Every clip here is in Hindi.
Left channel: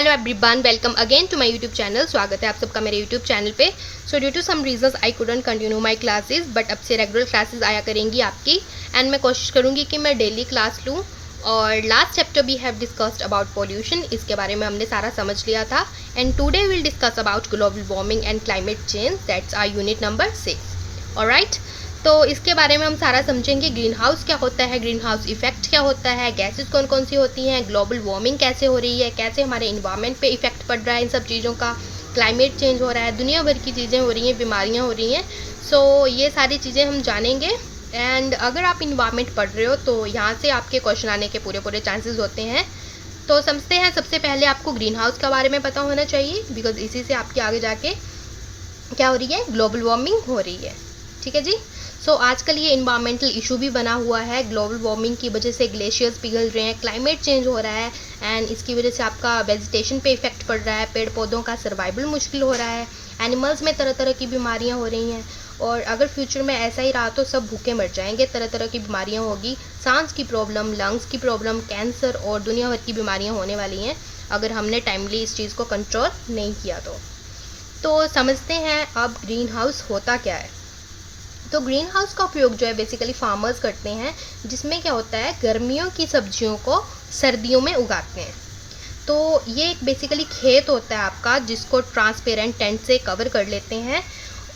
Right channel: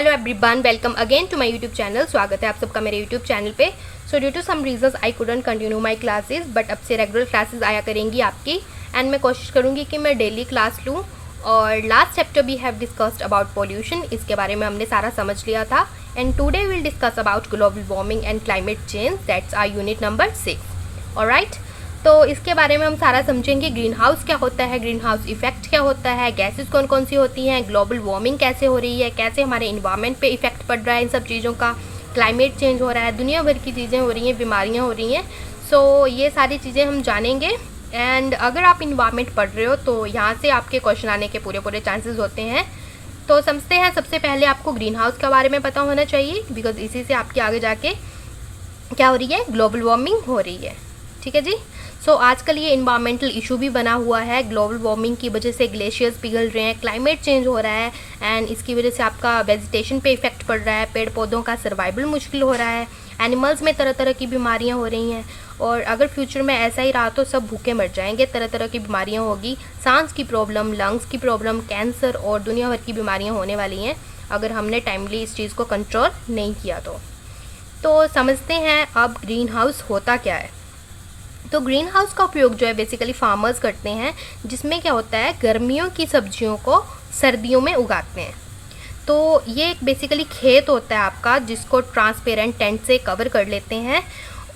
Hello everyone, welcome again to my YouTube channel. स्वागत है आप सबका मेरे यूट्यूब चैनल पे। So due to some reasons I couldn't continue my classes, but अब से रेगुलर क्लासेस आया करेंगी आपकी। एंड मैं कोशिश करूँगी कि मैं डेली क्लास लूँ। और last chapter we have discussed about pollution, इसके बारे में हमने सारा समझ लिया था। And today will discuss about global warming and climate change, that's our unit number 6। Alright, तो इसके बारे में हम सारा समझेंगे। ग्रीन हाउस क्या होता है, ग्रीन हाउस इफेक्ट क्या होता है, गैसेस कौन कौन सी होती हैं, ग्लोबल वार्मिंग कैसे हो रही है, कैसे हमारे इन्वायरमेंट पे इफेक्ट पड़ रहा है इन सब चीज़ों का, क्लाइमेट चेंज हो रहा है, दुनिया भर की चीज़ें हो रही हैं, बीमारियां हो रही हैं। सो ये सारी चीज़ें हम जानेंगे। एंड अगर आप इन्वायरमेंट पढ़ रहे हो तो यहाँ से आपके क्वेश्चन आने के पूरे चांसेस होते हैं। तो समझते हैं, सबसे पहले आपको ग्रीन हाउस के बारे में पता होना चाहिए, बिकॉज इसी से आपके आगे जाके क्या हो रही है, ग्लोबल वार्मिंग हो रही है। ठीक है जी। सो आजकल ये इन्वायरमेंटल इशू भी बना हुआ है। ग्लोबल वार्मिंग की वजह से ग्लेशियर्स पिघल रहे हैं, क्लाइमेट चेंज हो रहा है, एंड इसकी वजह से आपका वेजिटेशन पे इफेक्ट पड़ रहा है, पेड़ पौधों का सर्वाइवल मुश्किल हो रहा है, एनिमल्स में तरह तरह की बीमारियां हो रही हैं। और अगर फ्यूचर में ऐसा ही रहा तो सब भूखे मर जाएंगे, तरह तरह की बीमारियां होगी, सांस की प्रॉब्लम, लंग्स की प्रॉब्लम, कैंसर और दुनिया भर की बीमारियाँ होने वाली हैं अगर हमने टाइमली इस चीज़ को कंट्रोल नहीं किया तो समझते हैं अब ग्रीन हाउस होता क्या है। तो ग्रीन हाउस का उपयोग जो है बेसिकली फार्मर्स करते हैं, जिसमें क्या होता है, गर्मियों की सब्जियों को सर्दियों में उगाते हैं। तो ये एक बेसिकली खेत होता है आपका, जिसको ट्रांसपेरेंट टेंट से कवर कर लेते हैं,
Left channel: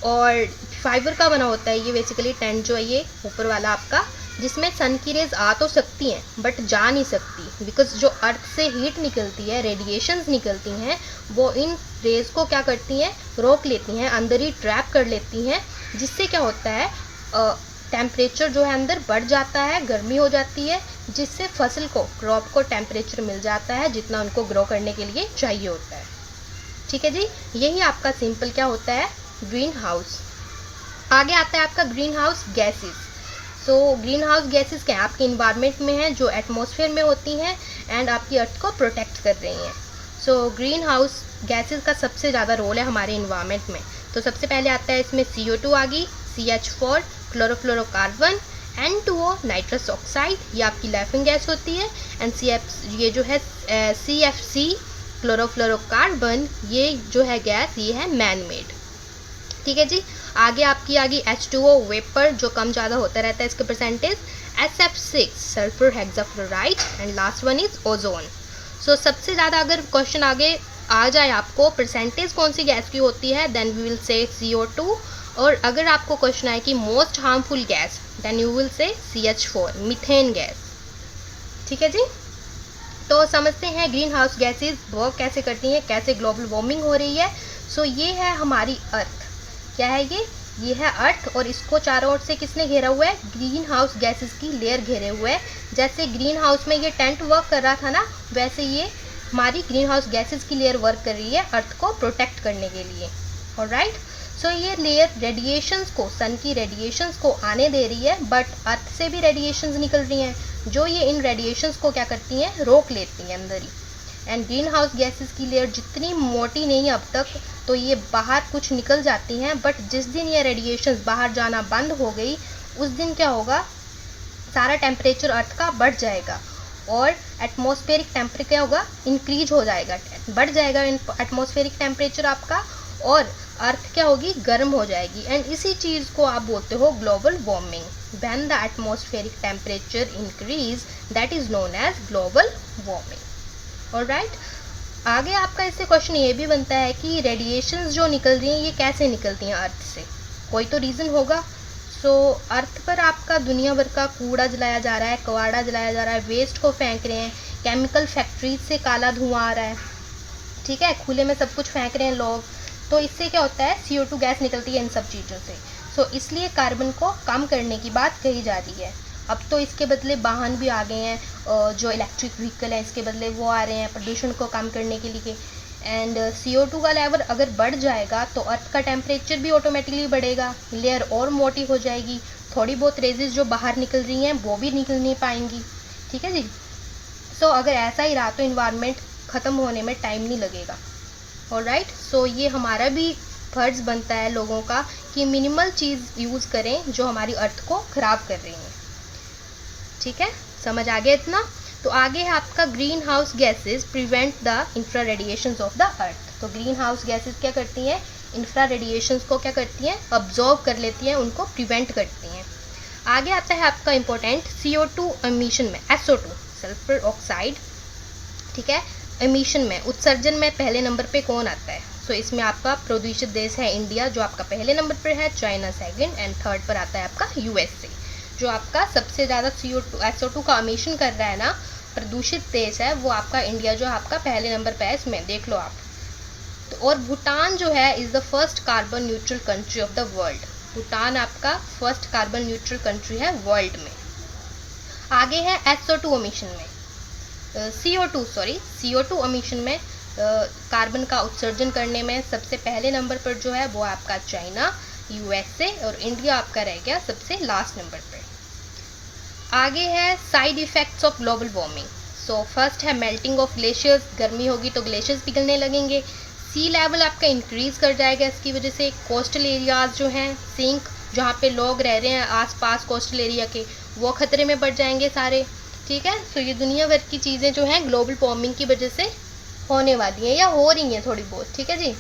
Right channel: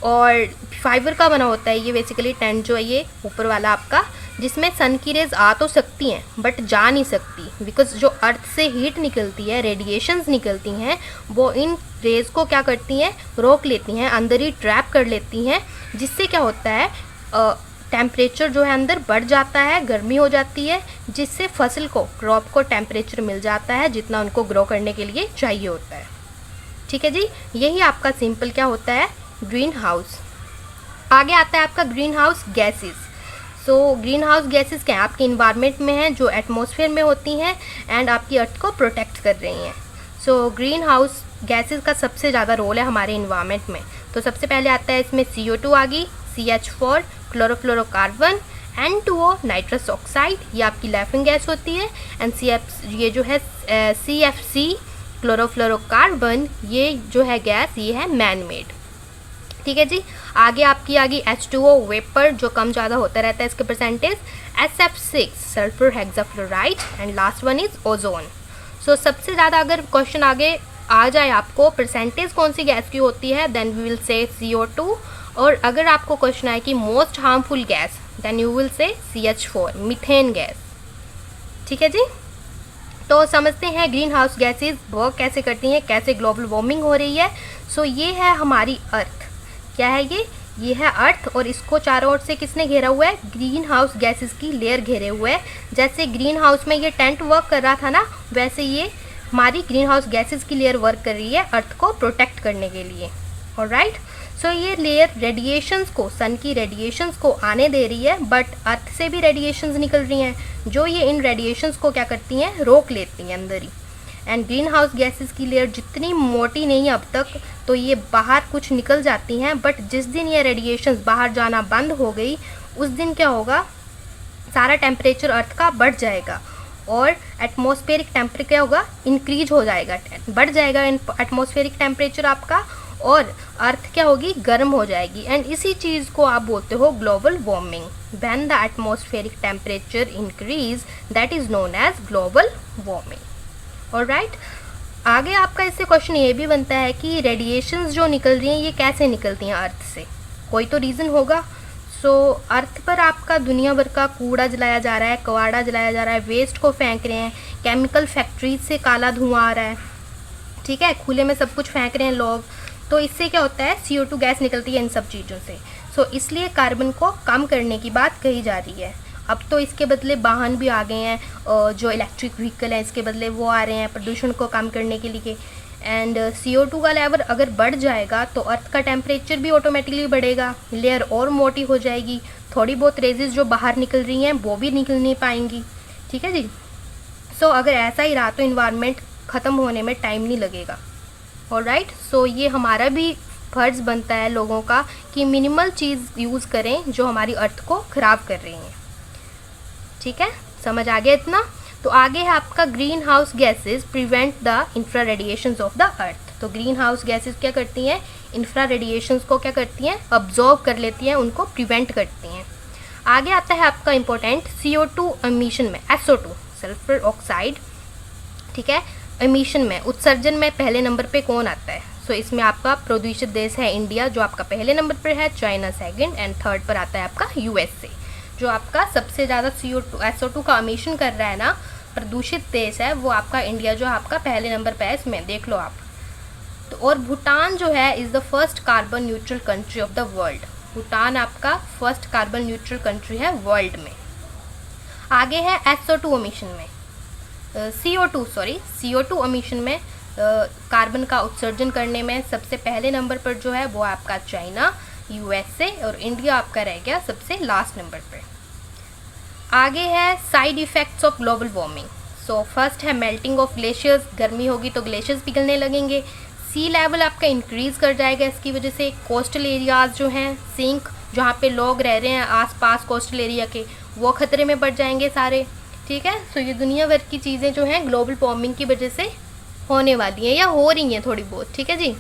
और फाइबर का बना होता है ये बेसिकली टेंट जो है, ये ऊपर वाला आपका, जिसमें सन की रेज आ तो सकती हैं बट जा नहीं सकती, बिकॉज जो अर्थ से हीट निकलती है, रेडिएशंस निकलती हैं, वो इन रेज को क्या करती हैं, रोक लेती हैं, अंदर ही ट्रैप कर लेती हैं, जिससे क्या होता है, टेम्परेचर जो है अंदर बढ़ जाता है, गर्मी हो जाती है, जिससे फसल को, क्रॉप को टेम्परेचर मिल जाता है जितना उनको ग्रो करने के लिए चाहिए होता है। ठीक है जी, यही आपका सिंपल क्या होता है, ग्रीन हाउस। आगे आता है आपका green house gases. So green house gases क्या है, आपके इन्वायरमेंट में हैं, जो एटमॉस्फेयर में होती हैं एंड आपकी अर्थ को प्रोटेक्ट कर रही हैं। सो ग्रीन हाउस गैसेस का सबसे ज़्यादा रोल है हमारे इन्वायरमेंट में। तो सबसे पहले आता है इसमें CO2 आ गई, CH4 chlorofluorocarbon, N2O nitrous oxide, ये आपकी लाफिंग गैस होती है, एंड ये जो है CFC क्लोरोफ्लोरोकार्बन, ये जो है गैस, ये है मैन मेड। ठीक है जी। आगे आपकी आ गई H2O वेपर, जो कम ज़्यादा होता रहता है इसके percentage, SF6 sulphur hexafluoride, and last one is ozone. So सबसे ज़्यादा अगर क्वेश्चन आगे आ जाए आपको परसेंटेज कौन सी गैस की होती है, then we will say CO2। और अगर आपको क्वेश्चन आए कि most harmful gas, then you will say CH4 methane gas. ठीक है जी। तो समझते हैं ग्रीन हाउस गैसेज वर्क कैसे करती हैं, कैसे ग्लोबल वार्मिंग हो रही है। सो ये है हमारी अर्थ। क्या है ये है अर्थ, और इसको चारों ओर से किसने घेरा हुआ है, ग्रीन हाउस गैसेस की लेयर घेरे हुए है। जैसे ग्रीन हाउस में ये टेंट वर्क कर रहा था ना, वैसे ये हमारी ग्रीन हाउस गैसेस की लेयर वर्क कर रही है अर्थ को प्रोटेक्ट करने के लिए। ऑलराइट, सो ये लेयर रेडिएशंस को, सन की रेडिएशंस को आने दे रही है, बट अर्थ से भी रेडिएशंस निकल रही हैं, जो ये इन रेडिएशंस को क्या करती हैं, रोक लेती हैं अंदर ही। एंड ग्रीन हाउस गैसेस की लेयर जितनी मोटी नहीं है अब तक, तो ये बाहर कुछ निकल जाती हैं, बट जिस दिन ये रेडिएशंस बाहर जाना बंद हो गई, उस दिन क्या होगा, सारा टेम्परेचर अर्थ का बढ़ जाएगा, और एटमॉस्फेरिक टेम्परेचर क्या होगा, इंक्रीज हो जाएगा, बढ़ जाएगा एटमॉस्फेरिक टेम्परेचर आपका, और अर्थ क्या होगी, गर्म हो जाएगी। एंड इसी चीज़ को आप बोलते हो global warming. When the atmospheric temperature increase, that is known as global warming. Alright, आगे आपका इससे क्वेश्चन ये भी बनता है कि रेडिएशंस जो निकल रही हैं, ये कैसे निकलती हैं अर्थ से, कोई तो रीज़न होगा। सो अर्थ पर आपका दुनिया भर का कूड़ा जलाया जा रहा है, कबाड़ा जलाया जा रहा है, वेस्ट को फेंक रहे हैं, केमिकल फैक्ट्रीज से काला धुआं आ रहा है, ठीक है, खुले में सब कुछ फेंक रहे हैं लोग। तो इससे क्या होता है, CO2 गैस निकलती है इन सब चीज़ों से। सो इसलिए कार्बन को कम करने की बात कही जा रही है। अब तो इसके बदले वाहन भी आ गए हैं, जो इलेक्ट्रिक व्हीकल है इसके बदले वो आ रहे हैं प्रदूषण को कम करने के लिए। एंड CO2 का लेवल अगर बढ़ जाएगा तो अर्थ का टेम्परेचर भी ऑटोमेटिकली बढ़ेगा, लेयर और मोटी हो जाएगी, थोड़ी बहुत रेजेस जो बाहर निकल रही हैं वो भी निकल नहीं पाएंगी। ठीक है जी। सो अगर ऐसा ही रहा तो इन्वायरमेंट ख़त्म होने में टाइम नहीं लगेगा। ऑलराइट, सो ये हमारा भी फर्ज बनता है लोगों का कि मिनिमल चीज़ यूज़ करें जो हमारी अर्थ को ख़राब कर रही हैं। ठीक है, समझ आ गया इतना। तो आगे है आपका green house gases prevent the infra radiations of the earth. तो ग्रीन हाउस गैसेज क्या करती हैं, इंफ्रा रेडिएशंस को क्या करती हैं, अब्जॉर्ब कर लेती हैं, उनको प्रिवेंट करती हैं। आगे आता है आपका इंपॉर्टेंट CO2 एमिशन में, SO2 सल्फर ऑक्साइड, ठीक है। एमिशन में, उत्सर्जन में पहले नंबर पे कौन आता है? सो इसमें आपका प्रदूषित देश है इंडिया, जो आपका पहले नंबर पर है, चाइना सेकंड, एंड थर्ड पर आता है आपका USA। जो आपका सबसे ज़्यादा SO2 का एमिशन कर रहा है ना, प्रदूषित देश है वो आपका इंडिया, जो आपका पहले नंबर पर है, इसमें देख लो आप। तो और भूटान जो है is the first carbon neutral country of the world. Bhutan आपका फर्स्ट कार्बन न्यूट्रल कंट्री है वर्ल्ड में। आगे है SO2 एमिशन में, CO2 एमिशन में, कार्बन का उत्सर्जन करने में सबसे पहले नंबर पर जो है वो आपका चाइना, USA, और इंडिया आपका रह गया सबसे लास्ट नंबर पर। आगे है side effects of global warming. So first है मेल्टिंग ऑफ ग्लेशियर्स, गर्मी होगी तो ग्लेशियर्स पिघलने लगेंगे। सी लेवल आपका इंक्रीज़ कर जाएगा इसकी वजह से। कोस्टल एरियाज़ जो हैं सिंक, जहाँ पे लोग रह रहे हैं आसपास कोस्टल एरिया के, वो खतरे में पड़ जाएंगे सारे, ठीक है। तो ये दुनिया भर की चीज़ें जो हैं ग्लोबल वार्मिंग की वजह से होने वाली हैं या हो रही हैं थोड़ी बहुत, ठीक है जी।